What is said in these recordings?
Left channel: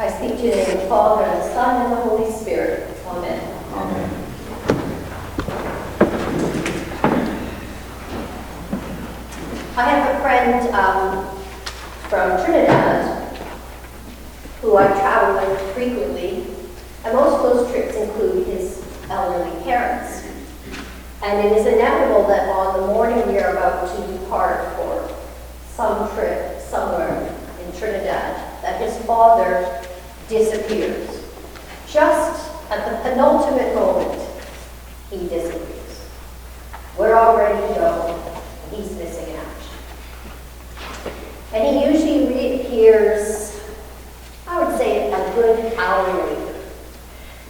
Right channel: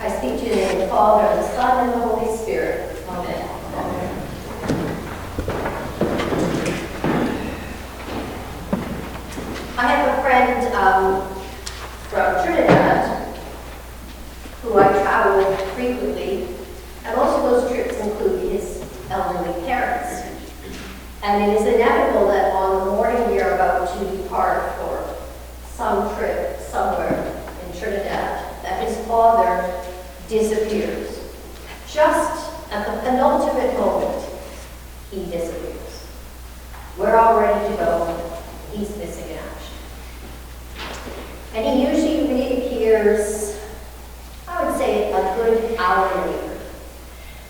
I speak to you in the name of the Father, and the Son, and the Holy Spirit. Amen. Amen. I have a friend from Trinidad who I travel with frequently, and most of those trips include his elderly parents. And it is inevitable that on the morning we are about to depart for some trip somewhere in Trinidad, that his father disappears. Just at the penultimate moment, he disappears. We're all ready to go. He's missing in action. And he usually reappears, I would say, a good hour later.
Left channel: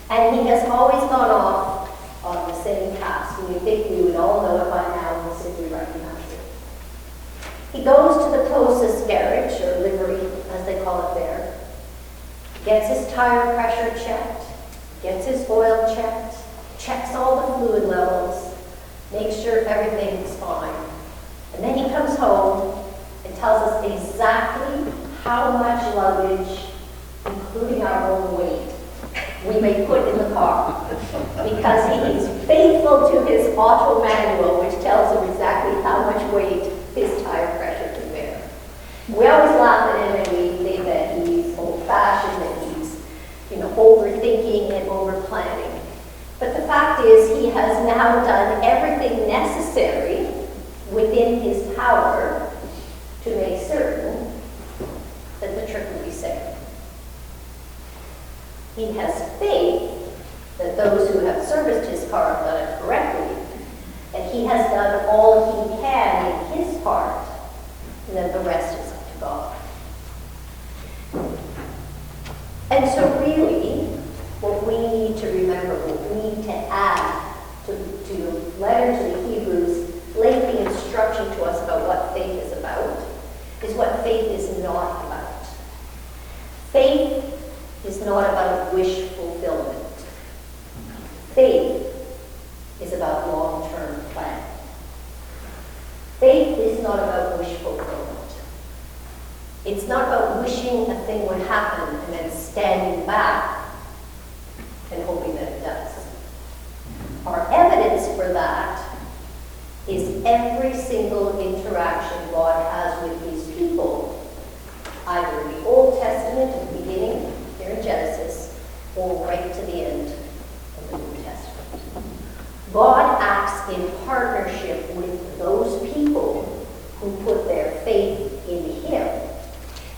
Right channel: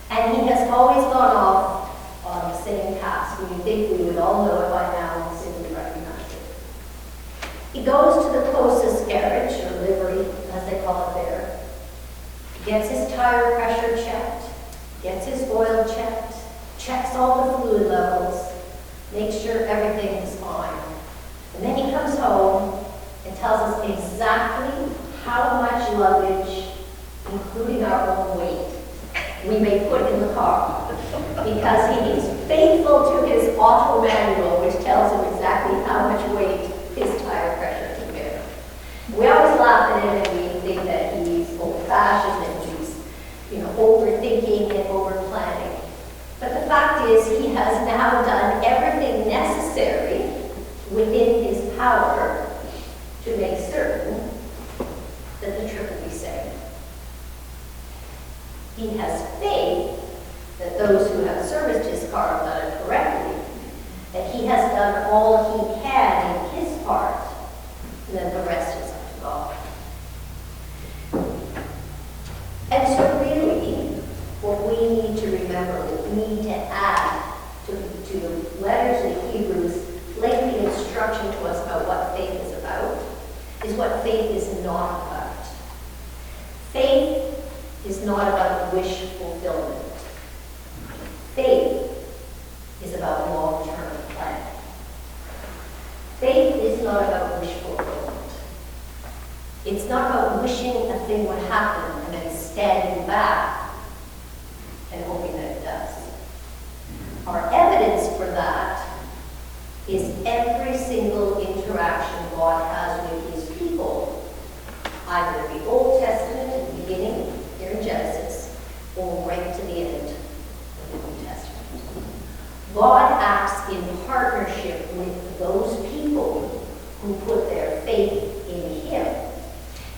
And he has always gone off on the same task. And you'd think we would all know it by now and simply recognize it. He goes to the closest garage, or livery, as they call it there, gets his tire pressure checked, gets his oil checked, checks all the fluid levels, makes sure everything is fine. And then he comes home and tells us exactly how much luggage, including our own weight, we may put in the car, because he is faithful to his auto manual, which tells him exactly how much weight his tire pressure can bear. We always laugh at him and we think that he's old-fashioned, that he's, overthinking and over-planning. But the fact is, he has now done everything necessary within his power to make certain that the trip will be safe. He has faith that those who have serviced his car have done it correctly, that he has done all he can in his part, and then the rest is up to God. And so really, what we need to remember, what we need to add to the letter to the Hebrews, lengthy instruction to us about what faith is about, is what faith is not about. Faith is not about wish fulfillment. Faith is about long-term planning. Faith is not about wish fulfillment. It's not about wishing a thing would happen and then standing back and hoping that it does. Our evidence for that is every single interaction God has with his people, either in the Old Testament at the beginning, here in Genesis, or right to the end of the New Testament. God acts in partnership with those people who put their faith in him.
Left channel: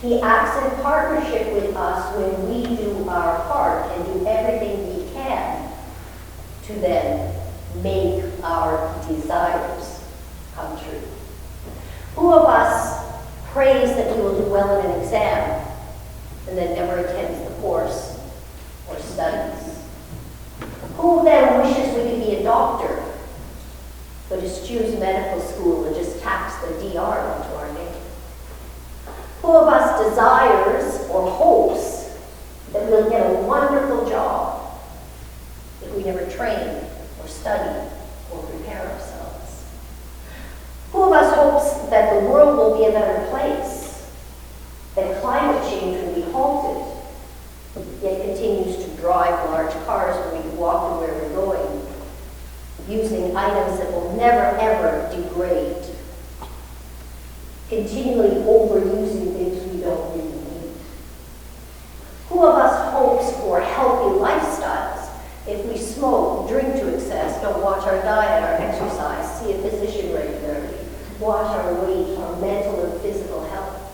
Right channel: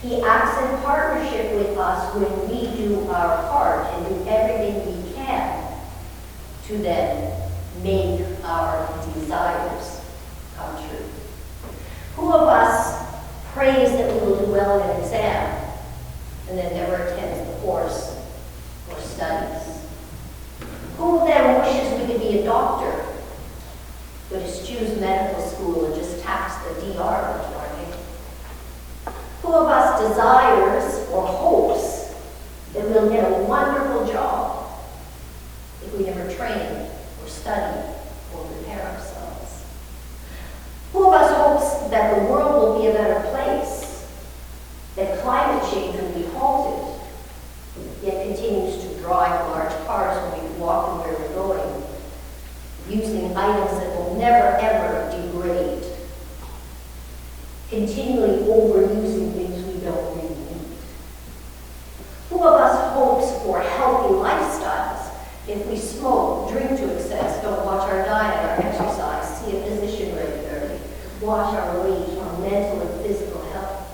He acts in partnership with us when we do our part and do everything we can to then make our desires come true. Who of us prays that we will do well in an exam and then never attends the course or studies? Who then wishes we could be a doctor, but eschews medical school and just tacks the DR onto our name? Who of us desires or hopes that we'll get a wonderful job if we never train or study or prepare ourselves? Who of us hopes that the world will be a better place, that climate change will be halted, yet continues to drive large cars when we walk to where we're going, using items that will never ever degrade, continually overusing things we don't really need? Who of us hopes for healthy lifestyles if we smoke, drink to excess, don't watch our diet, our exercise, see a physician regularly, watch our weight, our mental and physical health?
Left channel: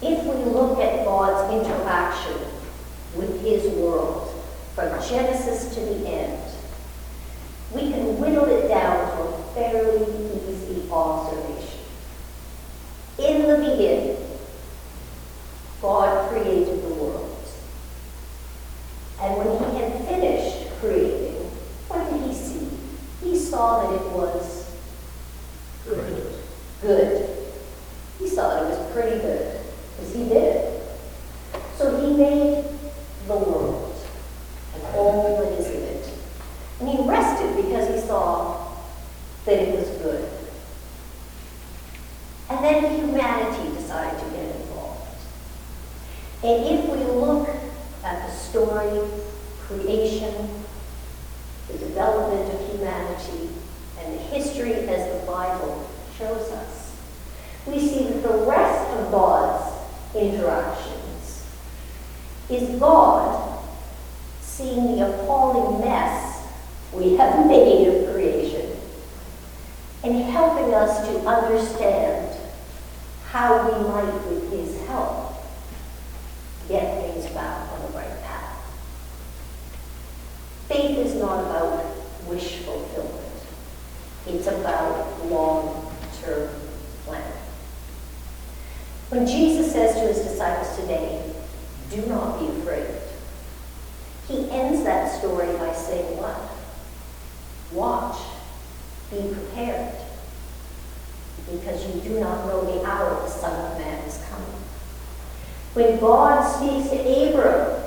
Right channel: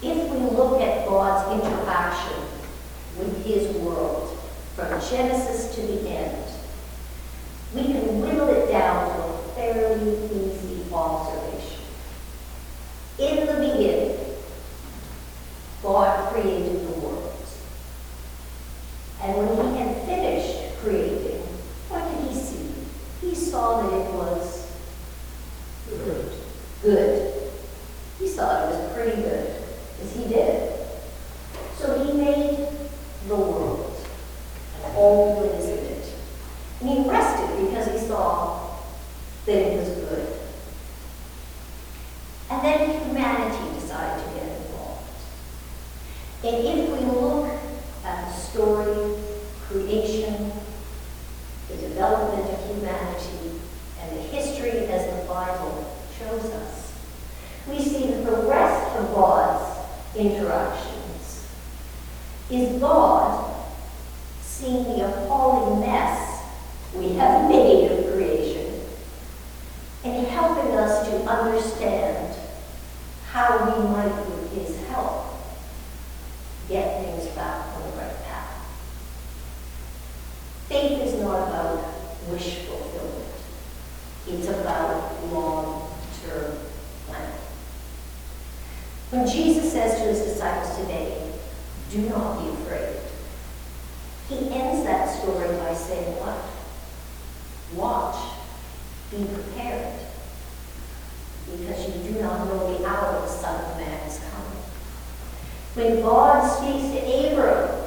If we look at God's interaction with his world from Genesis to the end, we can whittle it down to a fairly easy observation. In the beginning, God created the world. And when he had finished creating, what did he see? He saw that it was good. Good. He saw it was pretty good, because he did it. So he made the world and all that is in it. And he rested because he saw that it was good. And then humanity decided to get involved. And if we look at the story, creation, the development of humanity, and the history as the Bible shows us, we see that the rest of God's interactions is God seeing the appalling mess we have made of creation and helping us to understand how we might, with his help, get things back on the right path. Faith is not about wish fulfillment. It's about long-term planning. When Jesus says to his disciples today, "Do not be afraid," he ends that story by saying what? Watch, be prepared, because you do not know the hour the Son of Man is coming. When God speaks to Abram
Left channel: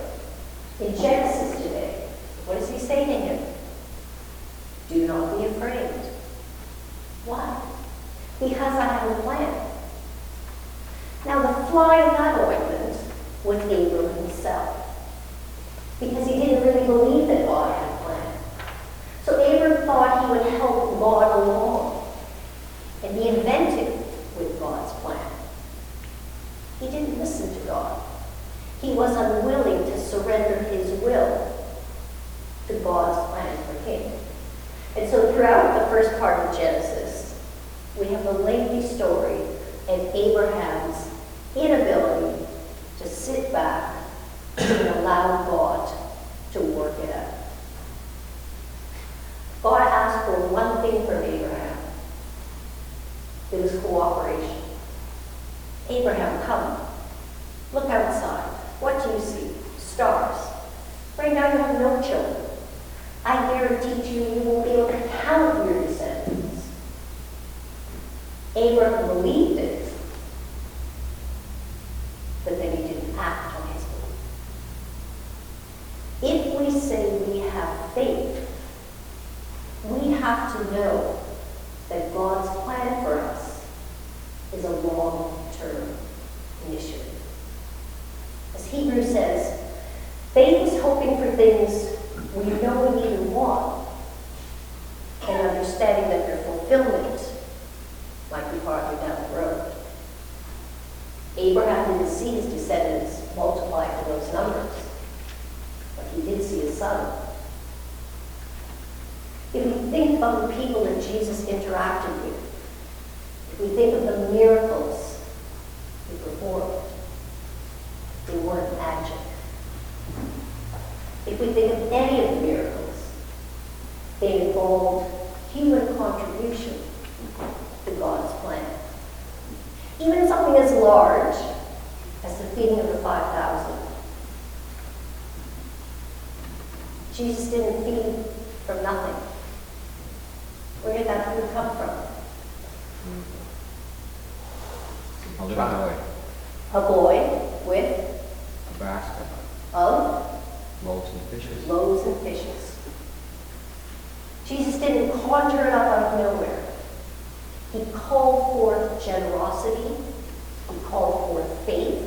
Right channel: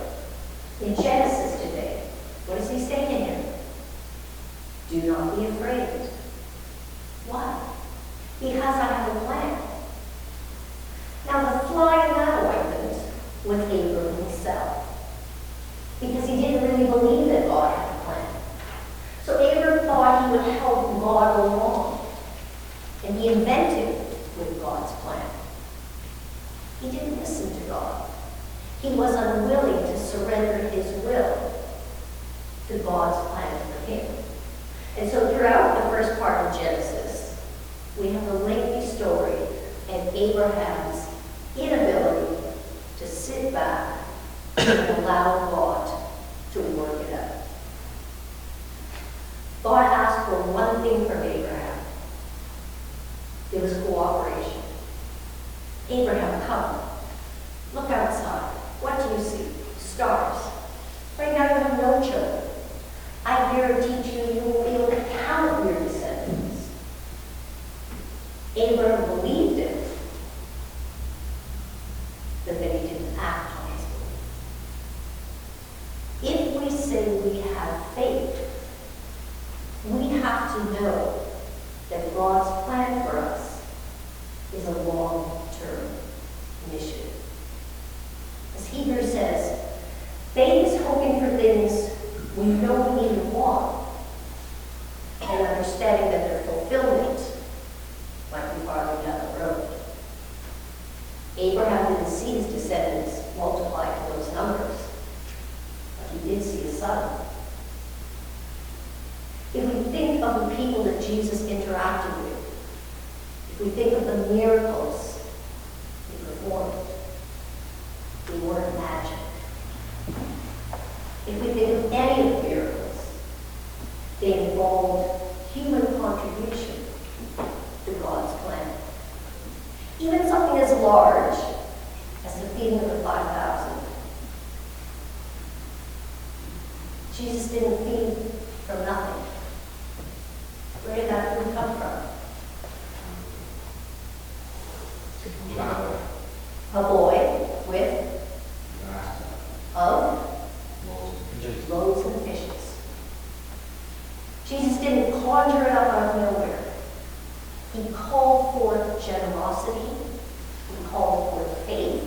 in Genesis today, what does he say to him? Do not be afraid. Why? Because I have a plan. Now the fly in that ointment was Abram himself, because he didn't really believe that God had a plan. So Abram thought he would help God along and be inventive with God's plan. He didn't listen to God. He was unwilling to surrender his will to God's plan for him. And so throughout the first part of Genesis, we have the lengthy story of Abraham's inability to sit back and allow God to work it out. God asked for one thing from Abraham. It was cooperation. Abraham, come. Look outside. What do you see? Stars. Right now you have no children. I guarantee you won't be able to count your descendants. Abraham believed it, but then he didn't act on his belief. If we say we have faith, we have to know that God's plan for us is a long-term initiative. As Hebrews says, faith is hoping for things we know we need and want, and understanding that their fulfillment might be farther down the road. Abraham didn't see his descendants multiply to those numbers, but he did see his son. If we think of the people that Jesus interacted with, if we think of the miracles he performed, they weren't magic. If we think of any of the miracles, they involved human contribution to God's plan. Even something as large as the feeding of the 5,000. Jesus didn't feed from nothing. Where did that food come from? A boy with a basket of loaves and fishes. loaves and fishes. Jesus didn't conjure it up out of nowhere. He called forth generosity. He called forth faith.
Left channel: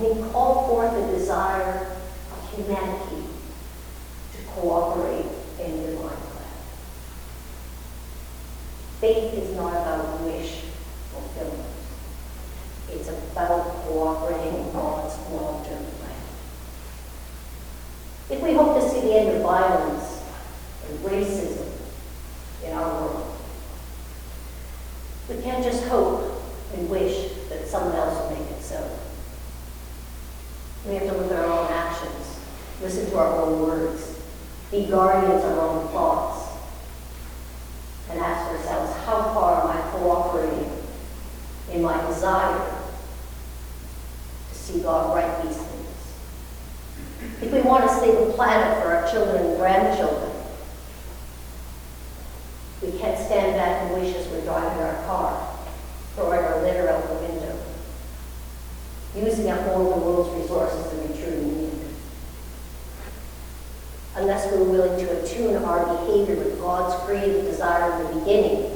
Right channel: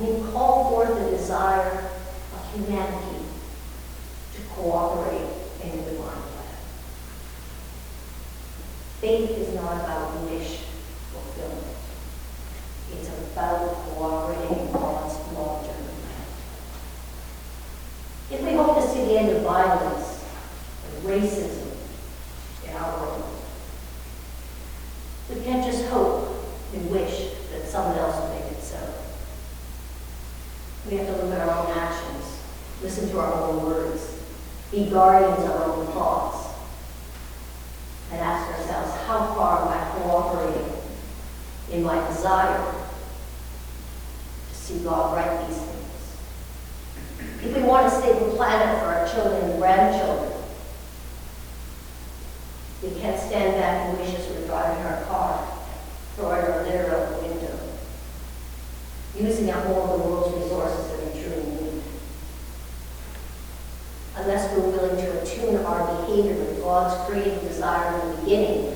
And he called forth the desire of humanity to cooperate in the divine plan. Faith is not about wish fulfillment. It's about cooperating in God's long-term plan. If we hope to see the end of violence and racism in our world, we can't just hope and wish that someone else will make it so. We have to look at our own actions, listen to our own words, be guardians of our own thoughts, and ask ourselves, how far am I cooperating in my desire to see God right these things? If we want to save a planet for our children and grandchildren, we can't stand back and wish as we're driving our car, throwing our litter out the window, using up all of the world's resources that we truly need. Unless we're willing to attune our behavior with God's creative desire in the beginning,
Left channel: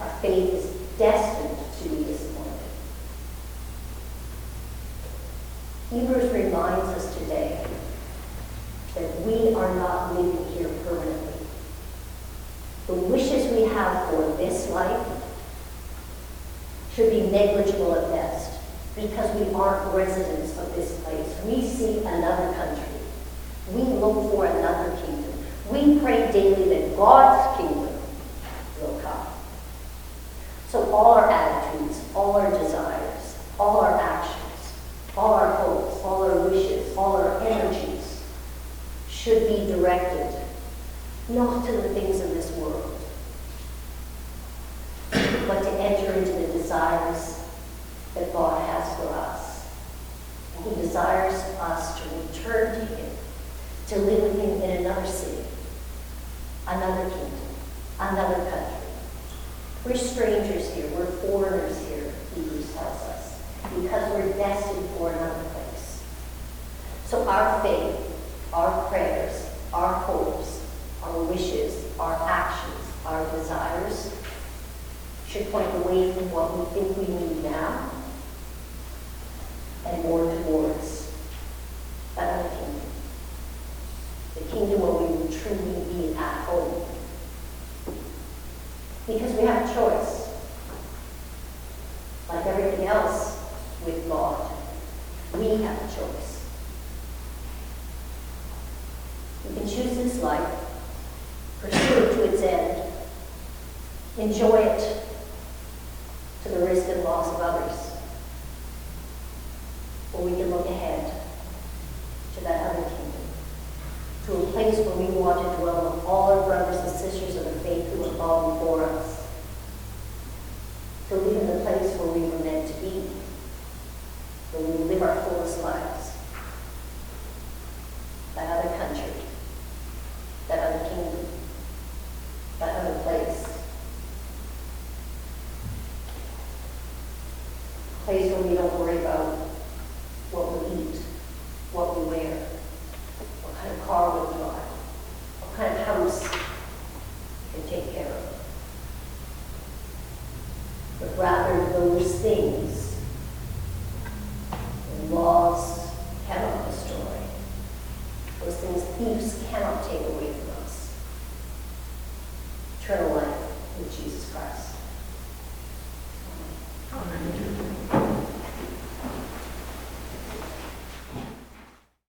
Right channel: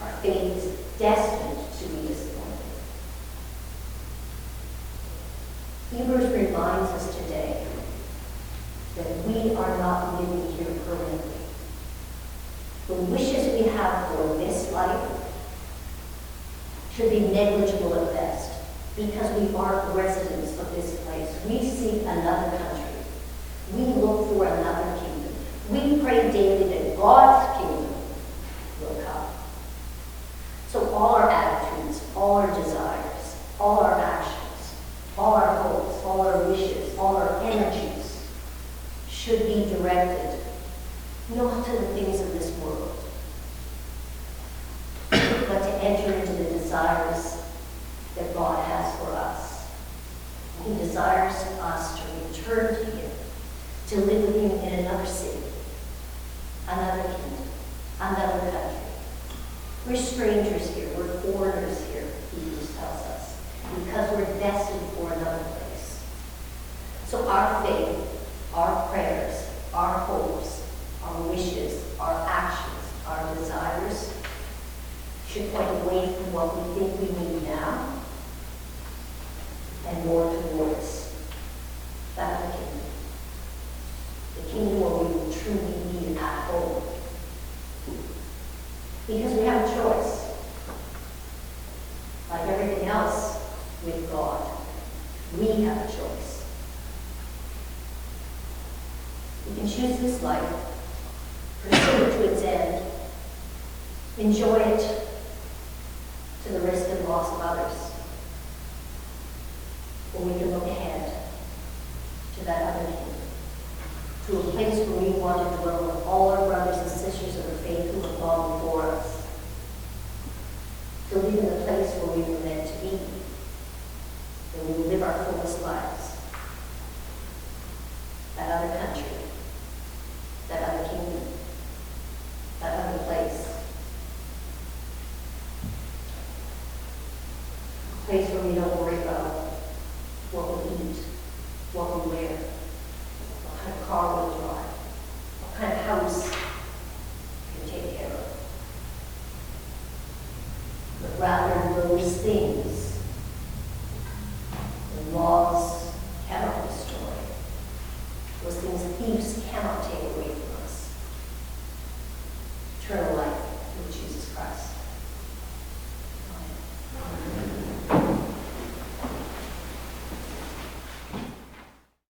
our faith is destined to be disappointed. The wishes we have for this life should be negligible at best, because we aren't residents of this place. We seek another country. We look for another kingdom. We pray daily that God's kingdom will come. So all our attitudes, all our desires, all our actions, all our hopes, all our wishes, all our energies should be directed not to the things of this world, but to enter into the desires that God has for us. And He desires us to return to Him, to live with Him in another city, another kingdom, another country. We're strangers here, we're foreigners here, Hebrews tells us, because we're destined for another place. So our faith, our prayers, our hopes, our wishes, our actions, our desires should point away from what we think we need now and more towards that other kingdom. The kingdom where we will truly be at home. Because we have a choice. Like everything else with God, we have a choice. We can choose this life, pursue it to its end, enjoy it to the risk and loss of others. Or we can look ahead to that other kingdom, to a place where we want to dwell with all our brothers and sisters of the faith who have gone before us, to live in the place where we were meant to be, where we will live our fullest lives. That other country, that other kingdom, that other place. A place where we don't worry about what we eat, what we wear, what kind of car we'll drive, what kind of house we can take care of. But rather those things the laws cannot destroy, those things thieves cannot take away from us. Eternal life with Jesus Christ.